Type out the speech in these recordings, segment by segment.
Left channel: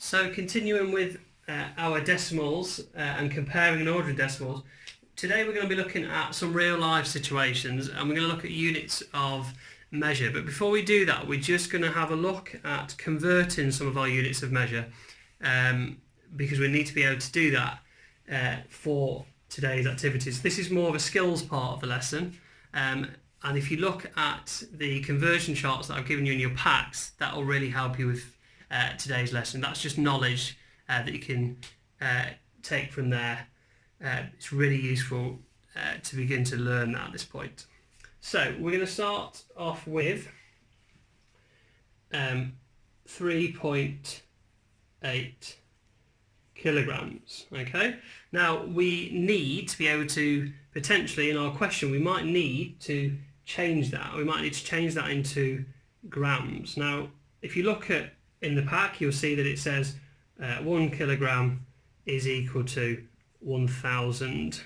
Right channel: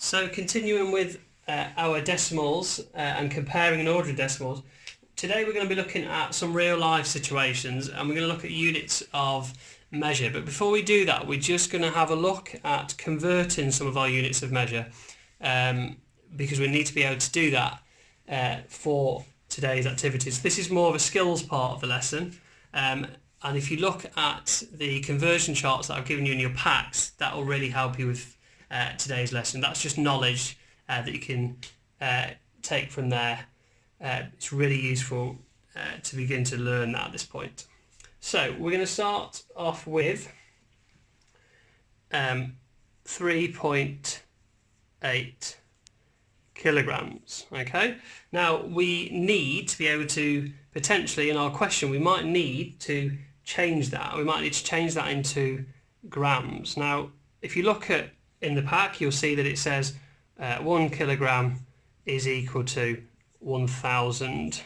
So continuing with our decimals and comparing and ordering decimals, today we're going to be looking at some real life situations and we're going to look at units of measure. But before we do that, we're just going to have a look at converting some of our units of measure because we need to be able to do that for today's activities. This is more of a skills part of the lesson. And if you look at the conversion charts that I've given you in your packs, that will really help you with today's lesson. That's just knowledge that you can take from there. It's really useful to begin to learn that at this point. So we're going to start off with 3.8 kilograms. Okay, now we need to be able to potentially, in our question, we might need to change that. We might need to change that into grams. Now if you look at in the pack, you'll see that it says 1 kilogram is equal to 1,000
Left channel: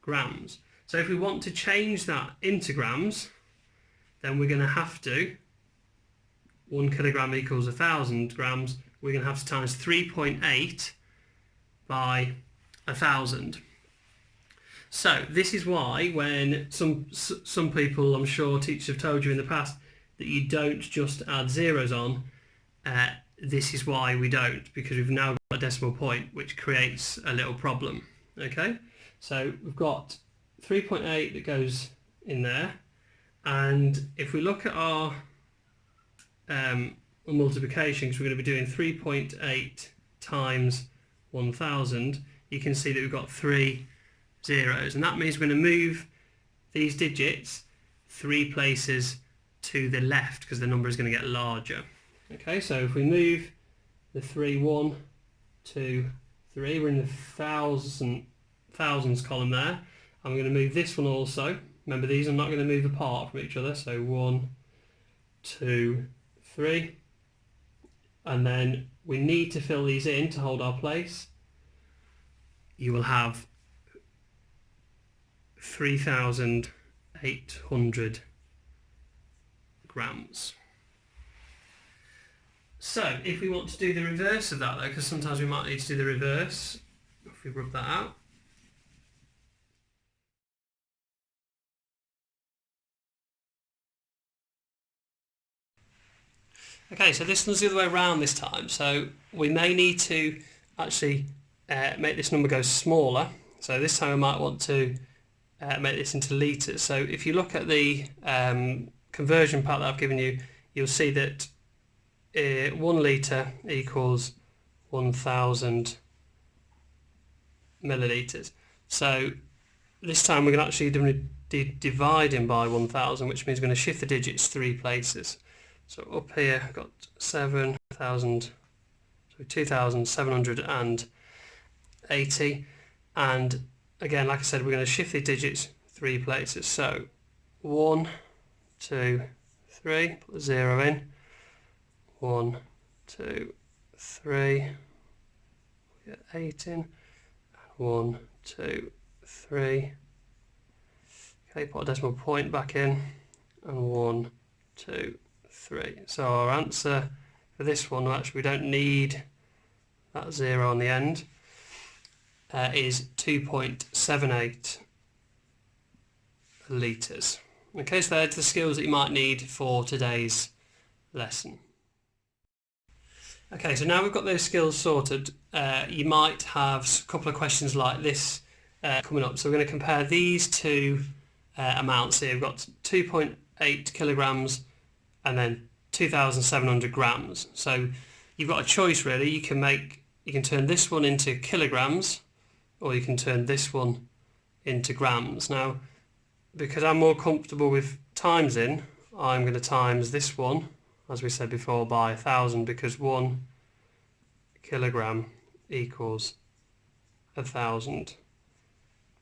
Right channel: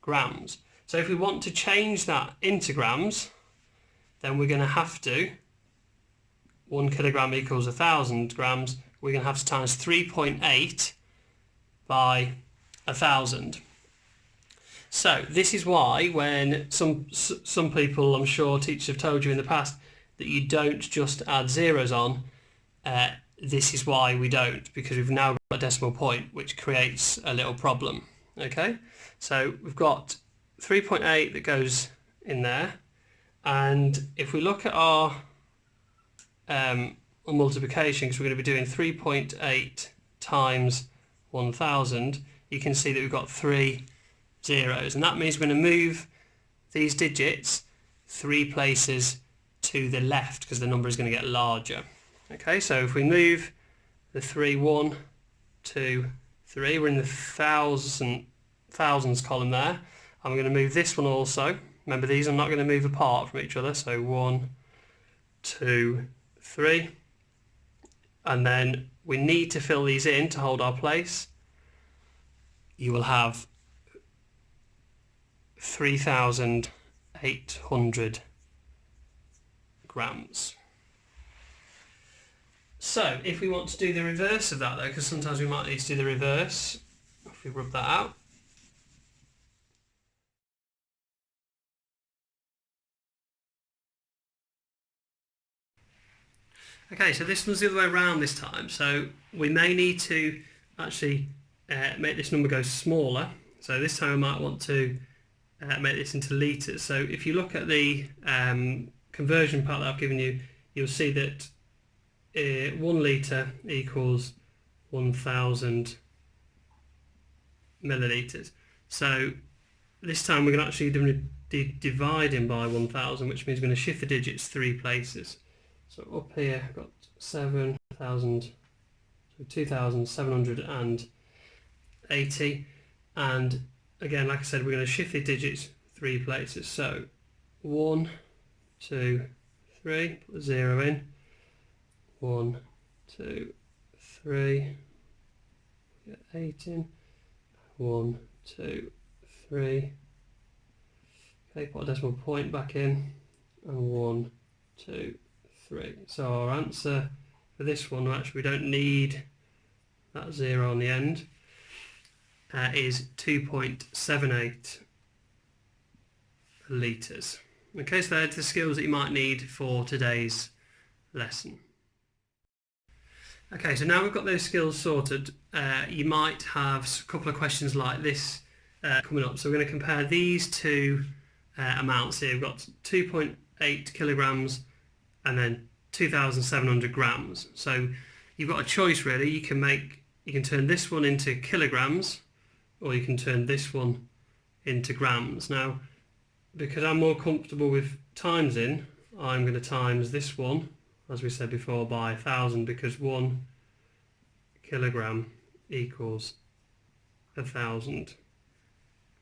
grams. So if we want to change that into grams, then we're going to have to, 1 kilogram equals 1,000 grams, we're going to have to times 3.8 by 1,000. So this is why when some people, I'm sure teachers have told you in the past, that you don't just add zeros on. This is why we don't, because we've now got a decimal point which creates a little problem. Okay, so we've got 3.8 that goes in there, and if we look at our multiplication, because we're going to be doing 3.8 times 1,000, you can see that we've got 3 zeros, and that means we're going to move these digits 3 places to the left because the number is going to get larger. Okay, so if we move the 3, 1, 2, 3, we're in the thousands column there. I'm going to move this one also. Remember, these are not going to move apart from each other. So 1, 2, 3. And then we need to fill these in to hold our place. You will have 3,800 grams. So if we want to do the reverse of that though, because sometimes we might need to do the reverse, if we rub that out. Okay, so this one's the other way around this time. So we may need to actually make this number go smaller. So this time we might want to make this into litres. So if you look at the conversion part that I've given you, you'll see that 1 litre equals 1,000 millilitres. So this time we're going to actually be dividing by 1,000, which means we're going to shift the digits 3 places. So up here I've got 2,780, and again, like I said, we're going to shift the digits 3 places. So 1, 2, 3, put the 0 in. 1, 2, 3, get 8 in. 1, 2, 3. Okay, put a decimal point back in, and 1, 2, 3. So our answer for this one, actually we don't need that 0 on the end, is 2.78 litres. Okay, so they're the skills that you might need for today's lesson. Okay, so now we've got those skills sorted, you might have a couple of questions like this coming up. So we're going to compare these two amounts here. We've got 2.8 kilograms and then 2,700 grams. So you've got a choice really. You can turn this one into kilograms, or you can turn this one into grams. Now, because I'm more comfortable with timesing, I'm going to times this one, as we said before, by 1,000, because 1 kilogram equals 1,000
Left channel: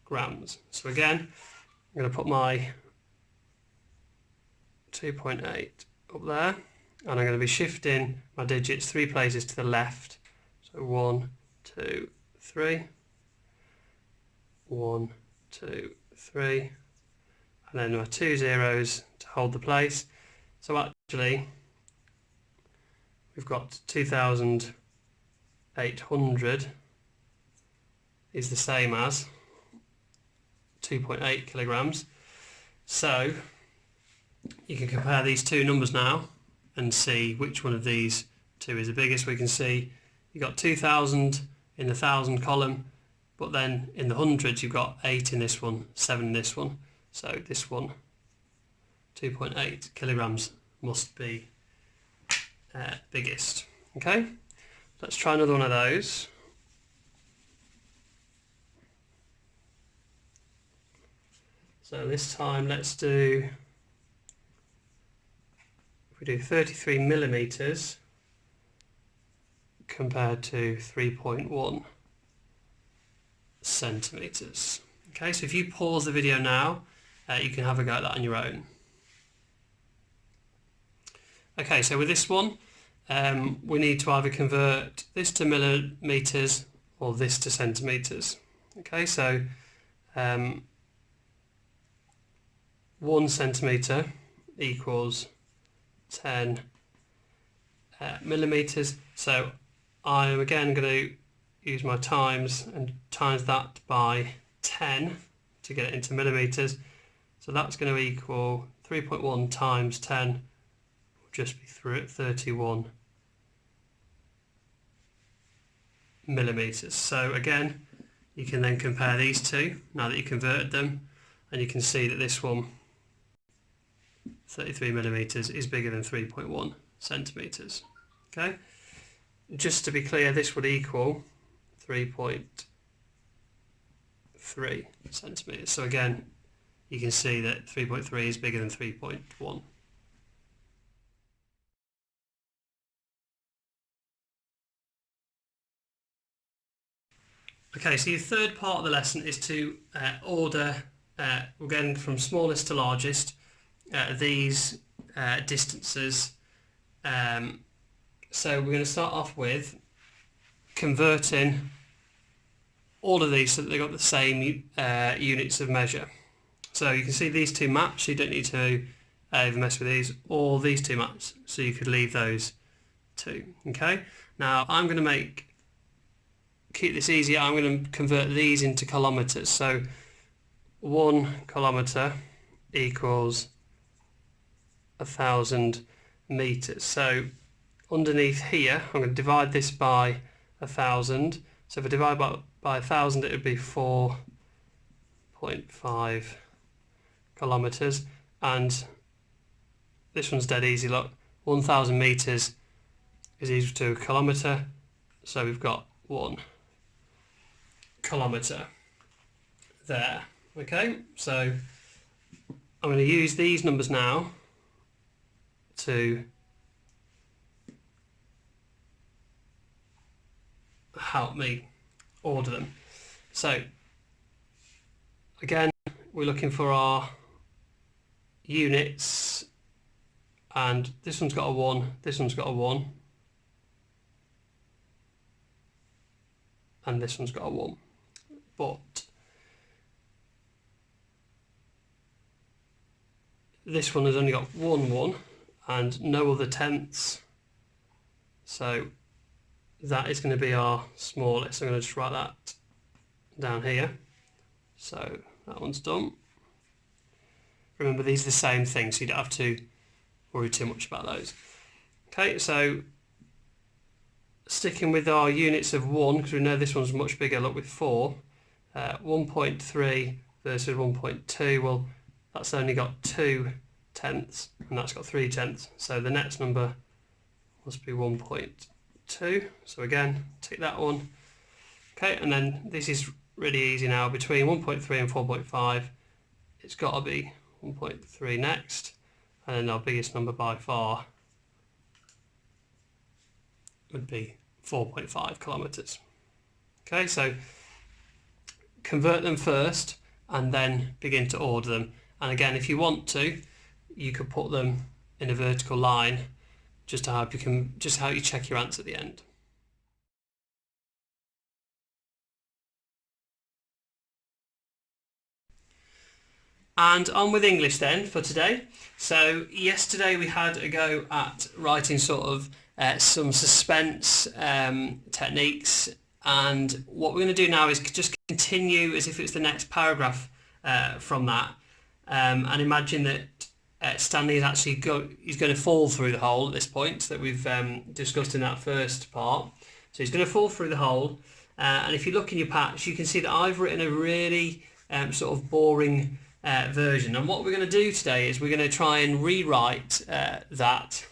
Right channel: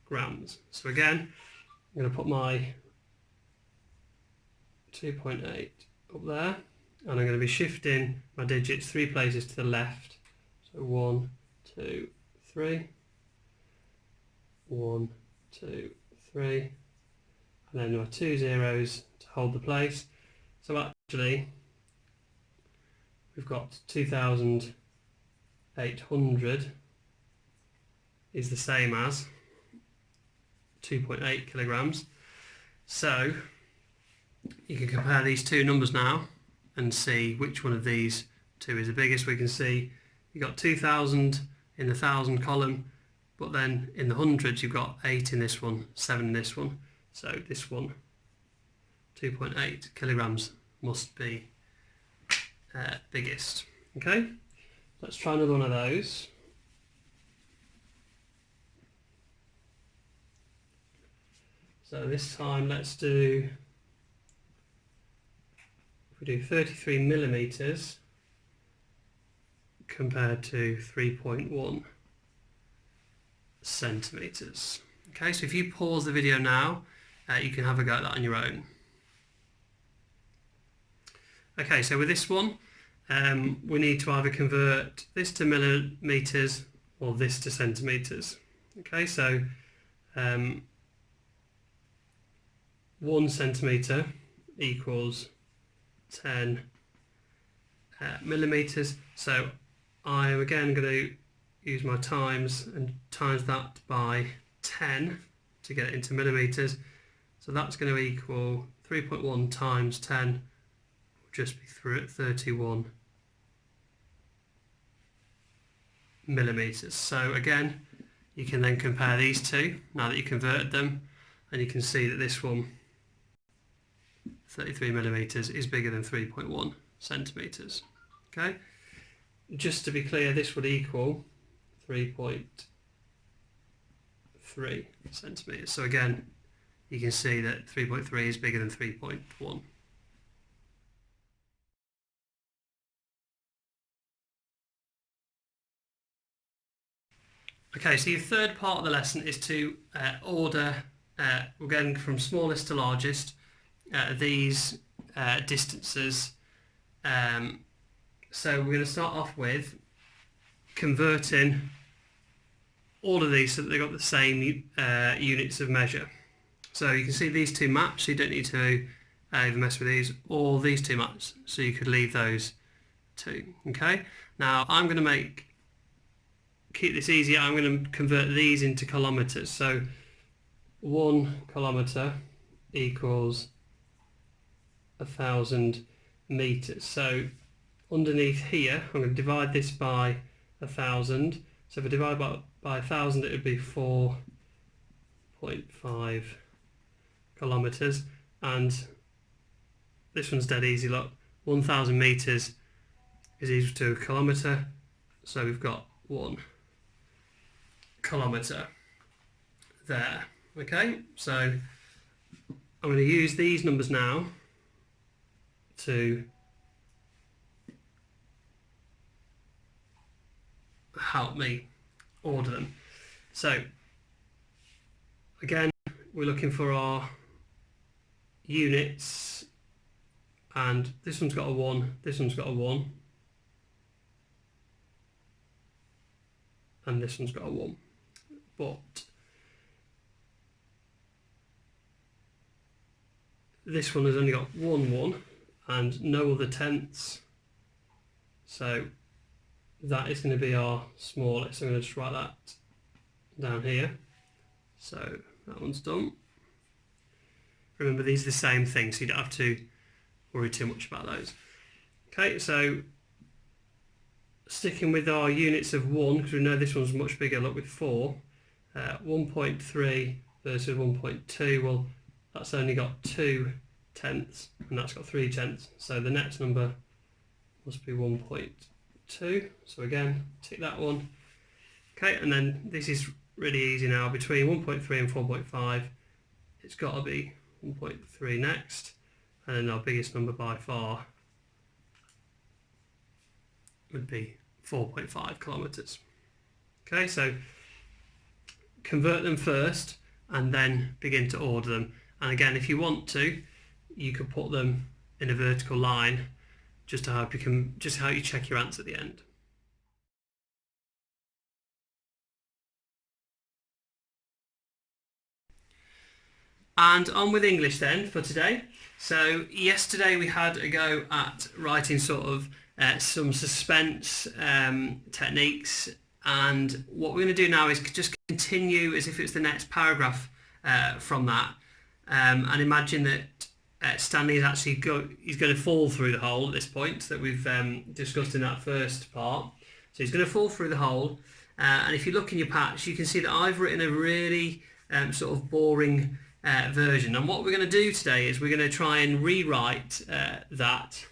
grams. So again, I'm going to put my 2.8 up there, and I'm going to be shifting my digits 3 places to the left. So 1, 2, 3, 1, 2, 3, and then my 2 zeros to hold the place. So actually we've got 2,000 800 is the same as 2.8 kilograms. So you can compare these two numbers now and see which one of these two is the biggest. We can see you've got 2,000 in the 1,000 column, but then in the hundreds you've got 8 in this one, 7 in this one. So this one, 2.8 kilograms, must be biggest. Okay, let's try another one of those. So this time let's do, if we do 33 millimeters compared to 3.1 centimeters. Okay, so if you pause the video now, you can have a go at that on your own. Okay, so with this one, we need to either convert this to millimeters or this to centimeters. Okay, so 1 centimeter equals 10 millimeters. So I'm again going to use my times and times that by 10 to get it into millimeters. So that's going to equal 3.1 times 10 will just be 31 millimeters. So again, you can then compare these two now that you converted them, and you can see that this one, 33 millimeters, is bigger than 3.1 centimeters. Okay, just to be clear, this would equal 3.3 centimeters. So again, you can see that 3.3 is bigger than 3.1. Okay, so your third part of the lesson is to order, again from smallest to largest, these distances. So we're going to start off with converting all of these so that they've got the same units of measure. So you can see these two maps, so you don't need to even mess with these, or these two maps, so you could leave those two. Okay, now I'm going to keep this easy, I'm going to convert these into kilometers. So 1 kilometer equals 1,000 meters. So underneath here, I'm going to divide this by 1,000. So if I divide by 1,000, it would be 4.5 kilometers. And this one's dead easy. Look, 1,000 meters is equal to a kilometer. So we've got 1 kilometer there. Okay, so I'm going to use these numbers now to help me order them. So again, we're looking for our units, and this one's got a 1, this one's got a 1, and this one's got a 1. But this one has only got 1 and no other tenths, so that is going to be our smallest. I'm going to just write that down here. So that one's done. Remember, these are the same thing, so you don't have to worry too much about those. Okay, so sticking with our units of 1, because we know this one's much bigger, look with 4, 1.3 versus 1.2, well, that's only got 2 tenths, and that's got 3 tenths, so the next number must be 1.2. So again, tick that one. Okay, and then this is really easy now. Between 1.3 and 4.5, it's got to be 1.3 next, and then our biggest number by far would be 4.5 kilometers. Okay, so convert them first and then begin to order them. And again, if you want to, you could put them in a vertical line just to help you check your answer at the end. And on with English then for today. So yesterday we had a go at writing sort of some suspense techniques, and what we're going to do now is just continue as if it's the next paragraph from that, and imagine that Stanley is actually he's going to fall through the hole at this point that we've discussed in that first part. So he's going to fall through the hole, and if you look in your patch, you can see that I've written a really sort of boring version. And what we're going to do today is we're going to try and rewrite that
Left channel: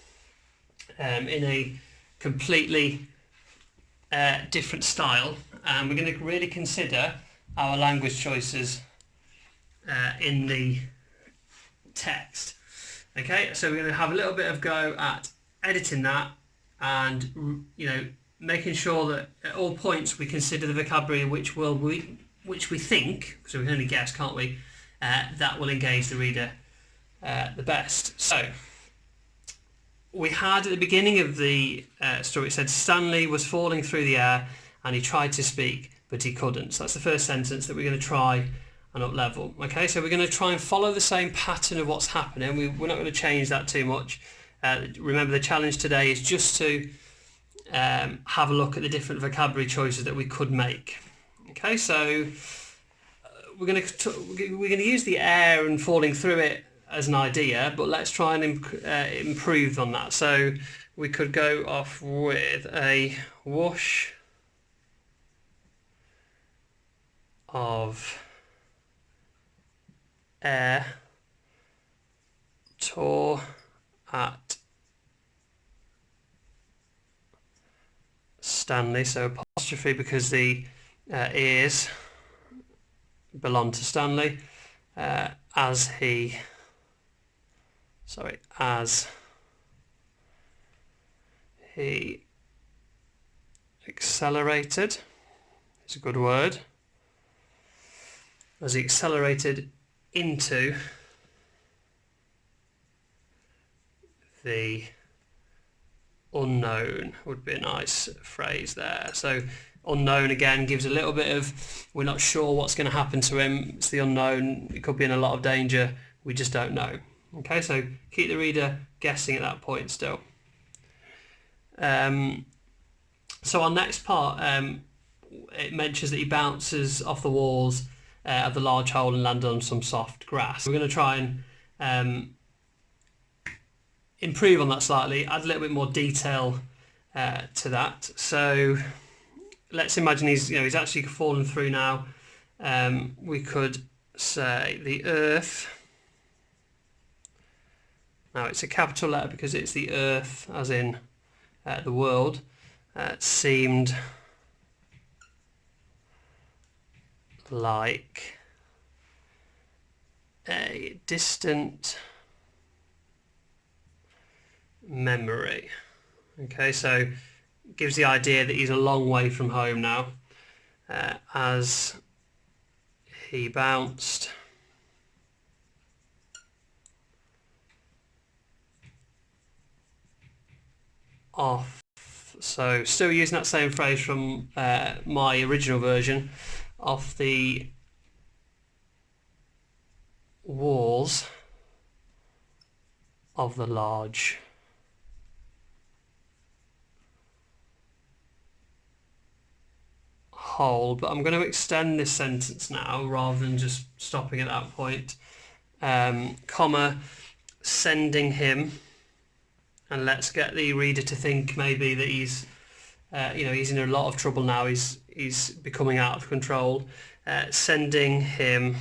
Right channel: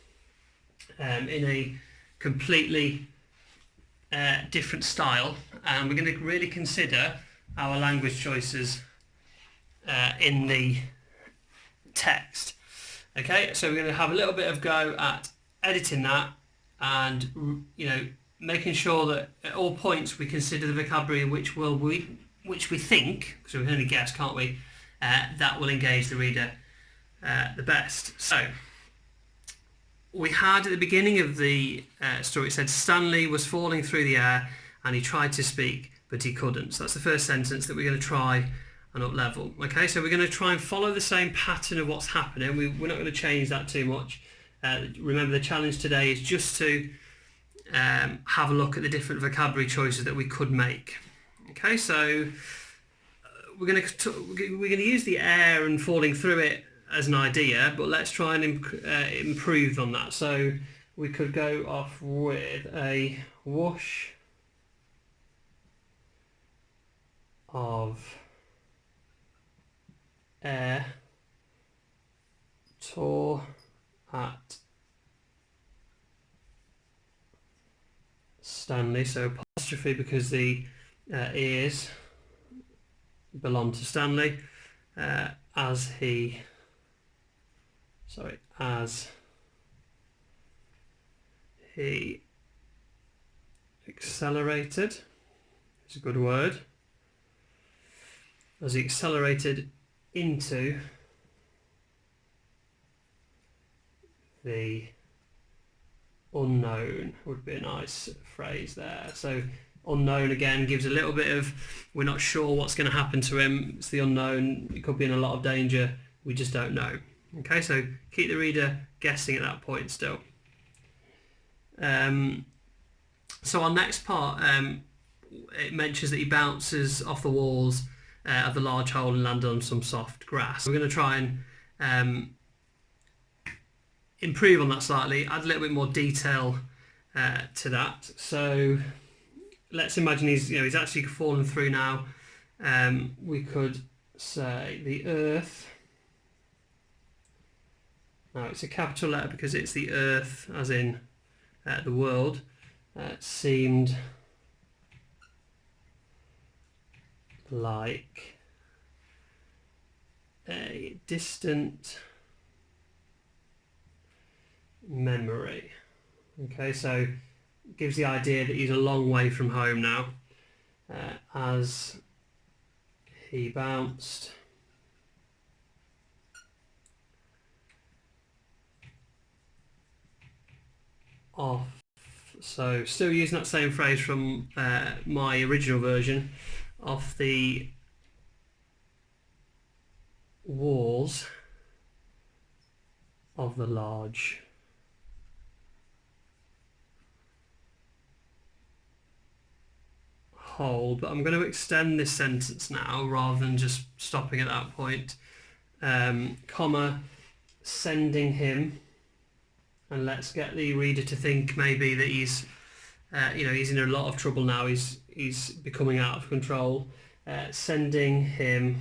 in a completely different style, and we're going to really consider our language choices in the text. Okay, so we're going to have a little bit of go at editing that, and making sure that at all points we consider the vocabulary which we think, so we can only guess, can't we, that will engage the reader the best. So we had at the beginning of the story, it said Stanley was falling through the air and he tried to speak but he couldn't. So that's the first sentence that we're going to try and up level. Okay, so we're going to try and follow the same pattern of what's happening. We're not going to change that too much. Remember, the challenge today is just to have a look at the different vocabulary choices that we could make. Okay, so we're going to use the air and falling through it as an idea, but let's try and improve on that. So we could go off with a whoosh of air tore at Stanley, so apostrophe because the ears belong to Stanley, as he accelerated, it's a good word, as he accelerated into the unknown would be a nice phrase there. So unknown again gives a little bit of, we're not sure what's going to happen to him. It's the unknown. It could be in a lot of danger. We just don't know. Okay, so keep the reader guessing at that point still. So our next part, it mentions that he bounces off the walls of the large hole and landed on some soft grass. We're going to try and improve on that slightly, add a little bit more detail to that. So let's imagine he's actually fallen through now. We could say the earth. Now it's a capital letter because it's the earth, as in the world, seemed like a distant memory. Okay, so gives the idea that he's a long way from home now, as he bounced off. So still using that same phrase from my original version, off the walls of the large hole. But I'm going to extend this sentence now rather than just stopping at that point. Comma, sending him, and let's get the reader to think maybe that he's in a lot of trouble now. He's becoming out of control. Sending him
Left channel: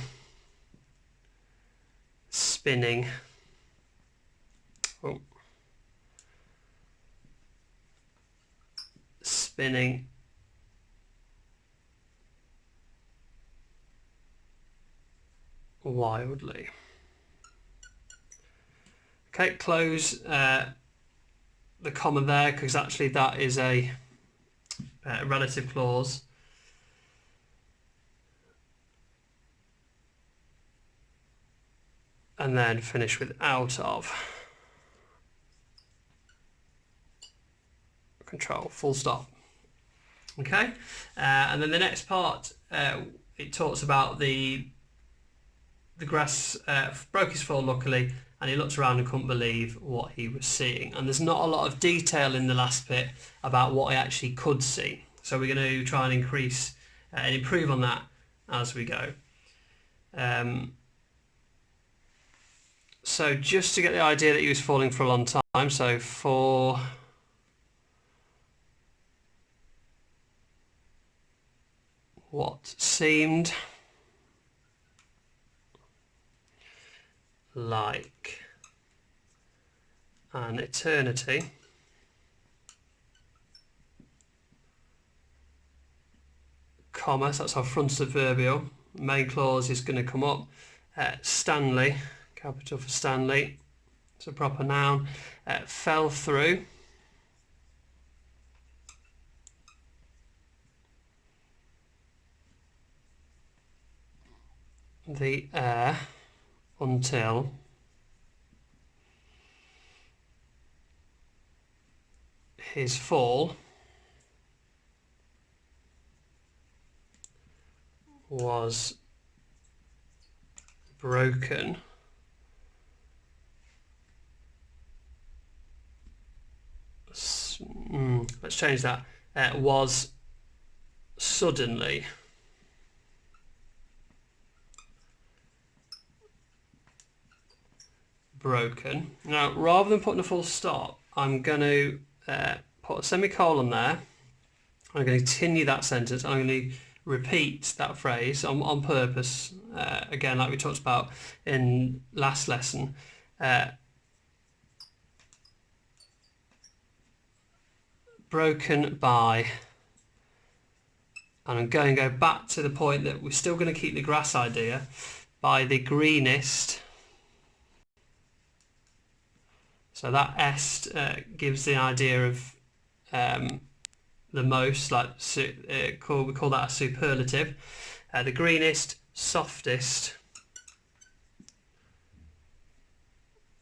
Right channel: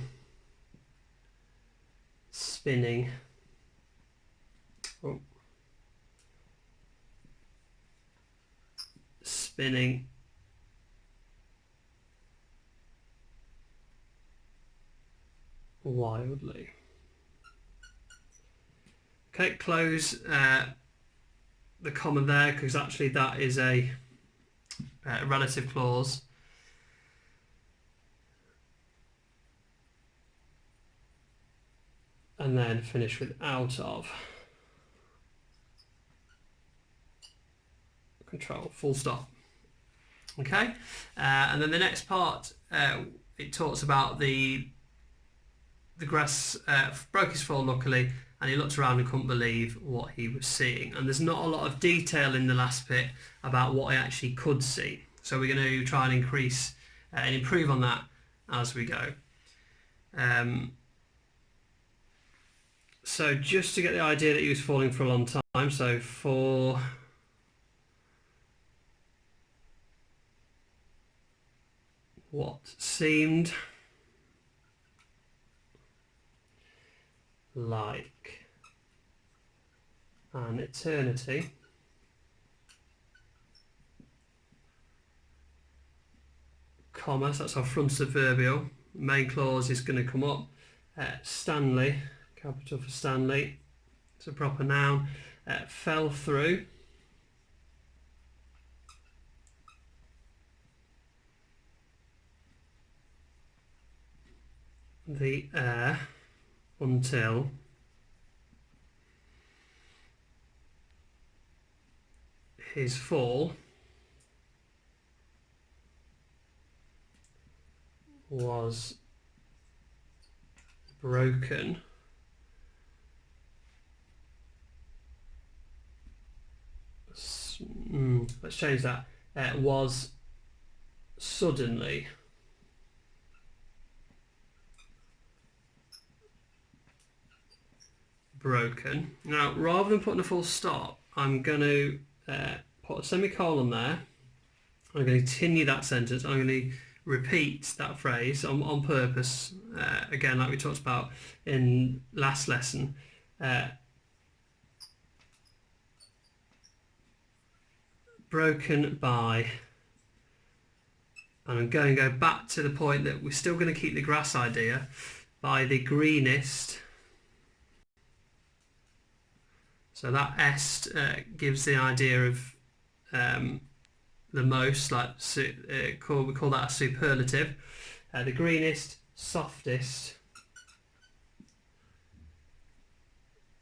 spinning. Oh. Spinning wildly. Okay, close the comma there because actually that is a relative clause. And then finish with out of. Control, full stop. Okay, and then the next part, it talks about the grass broke his fall luckily, and he looked around and couldn't believe what he was seeing. And there's not a lot of detail in the last bit about what he actually could see. So we're going to try and increase and improve on that as we go. So just to get the idea that he was falling for a long time, so for what seemed like an eternity, comma, so that's our front adverbial. Main clause is going to come up. Stanley, capital for Stanley, it's a proper noun, fell through the air until his fall was broken let's change that. Was suddenly broken. Now, rather than putting a full stop, I'm going to put a semicolon there. I'm going to continue that sentence. I'm going to repeat that phrase on purpose, again, like we talked about in last lesson. Broken by, and I'm going to go back to the point that we're still going to keep the grass idea, by the greenest. So that est gives the idea of the most, like we call that a superlative. The greenest, softest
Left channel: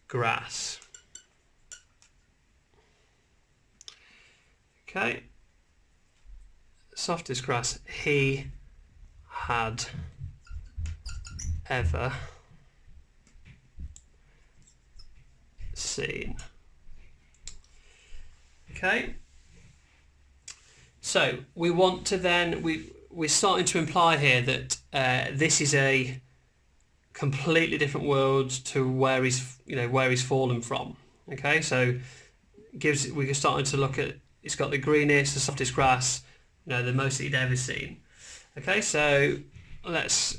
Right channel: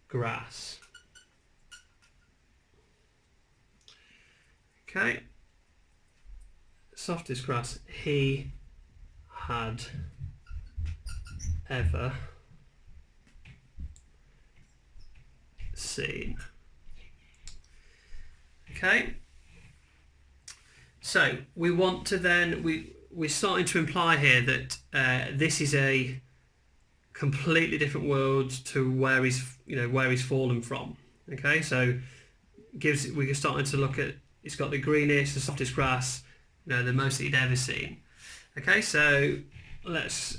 grass. Okay. Softest grass he had ever seen. Okay. So we want to then, we're starting to imply here that this is a completely different world to where he's fallen from. Okay, so we're starting to look at, it's got the greenest, the softest grass, the most that he'd ever seen. Okay, so let's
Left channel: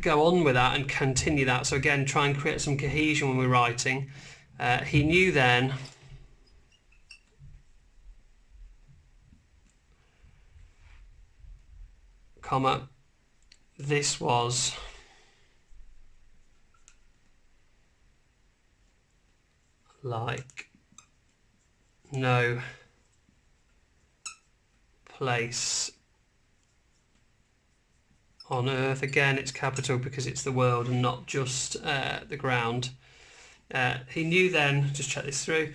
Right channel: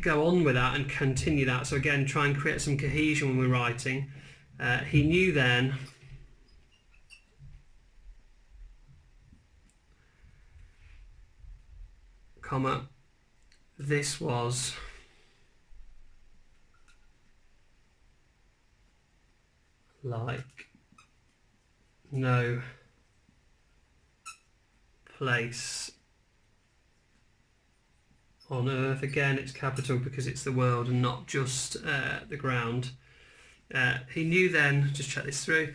go on with that and continue that. So again, try and create some cohesion when we're writing. He knew then comma, this was like no place on earth. Again, it's capital because it's the world and not just the ground. He knew then, just check this through,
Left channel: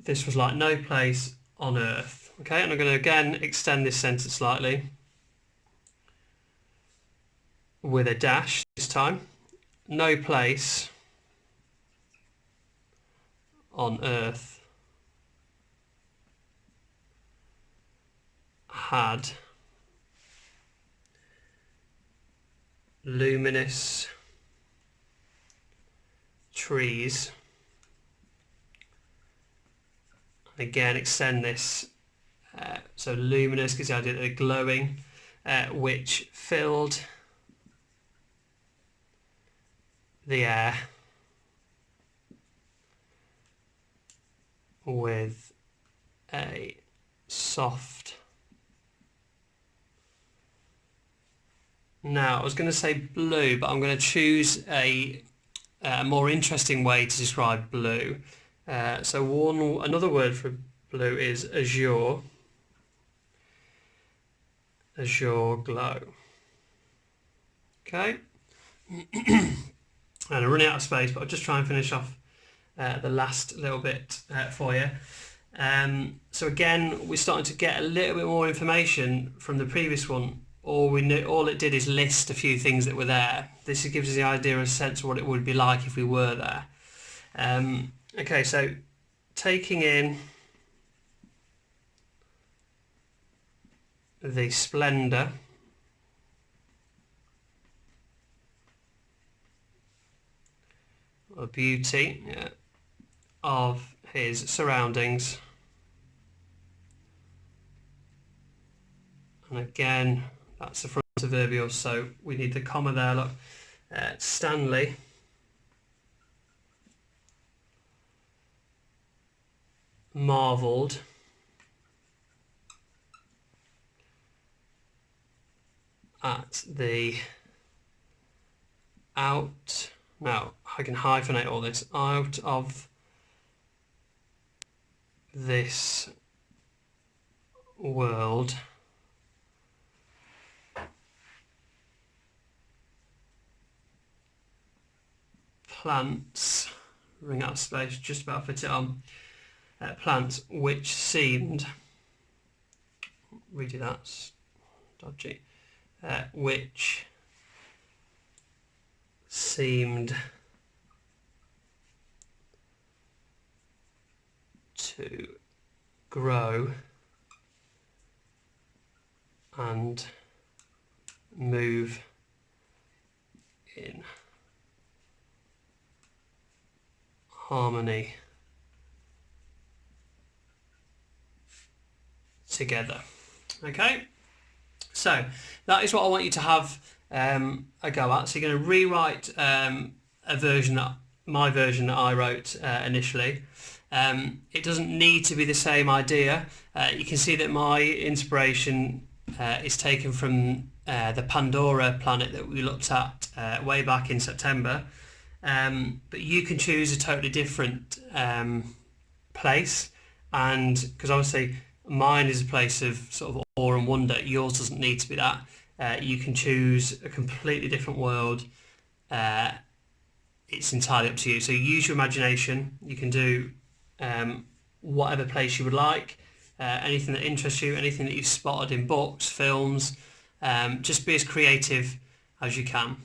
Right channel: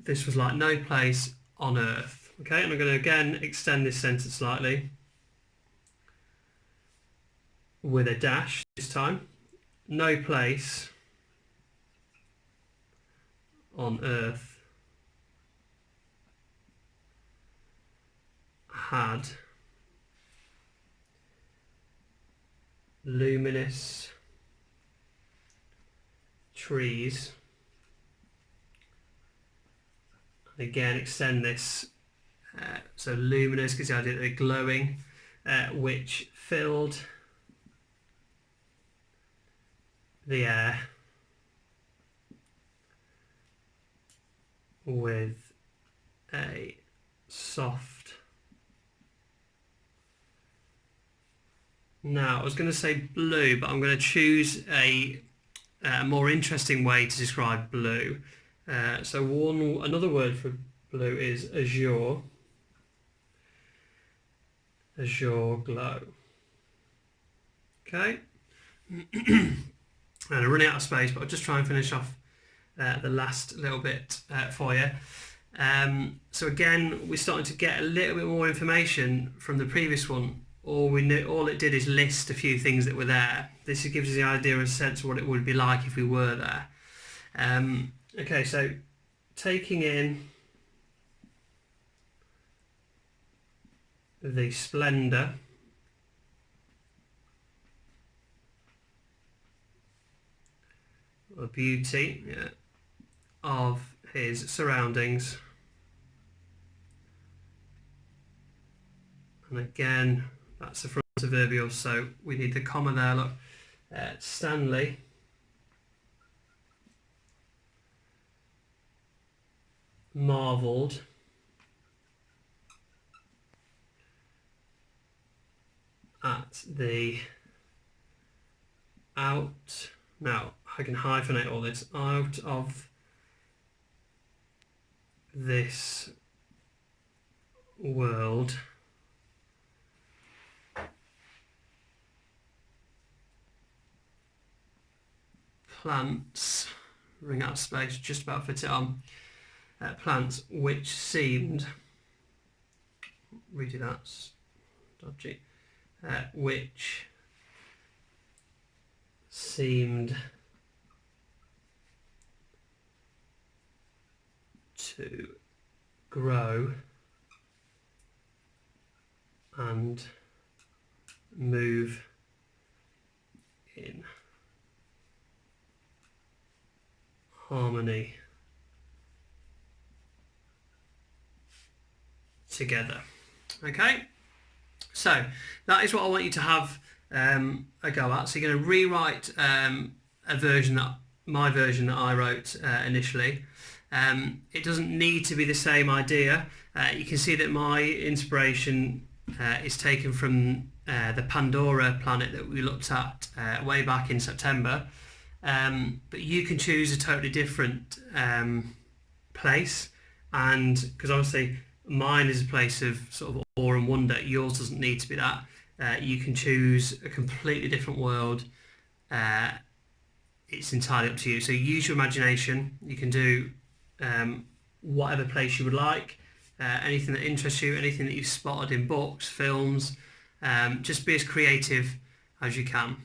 this was like no place on earth. Okay, and I'm going to again extend this sentence slightly with a dash this time. No place on earth had luminous trees. Again, extend this. So luminous gives the idea that they're glowing, which filled the air with a soft. Now, I was going to say blue, but I'm going to choose a more interesting way to describe blue. So another word for blue is azure. Azure glow. Okay. And I'm running out of space, but I'll just try and finish off the last little bit for you. So again, we're starting to get a little bit more information from the previous one all it did is list a few things that were there. This gives us the idea, a sense of what it would be like if we were there. Okay, so taking in the splendour or beauty of his surroundings. And again, that's the front adverbial, so we need the comma there. Look, Stanley marvelled at the out. Now I can hyphenate all this. Out of this world plants, ring out of space, just about fit it on, plants which seemed, redo that's dodgy, which seemed to grow and move in harmony together. Okay, so that is what I want you to have a go at. So you're going to rewrite a version that my version that I wrote initially. It doesn't need to be the same idea. You can see that my inspiration is taken from the Pandora planet that we looked at way back in September. But you can choose a totally different place, and because obviously mine is a place of sort of awe and wonder, yours doesn't need to be that. You can choose a completely different world. It's entirely up to you. So use your imagination. You can do whatever place you would like, anything that interests you, anything that you've spotted in books, films. Just be as creative as you can.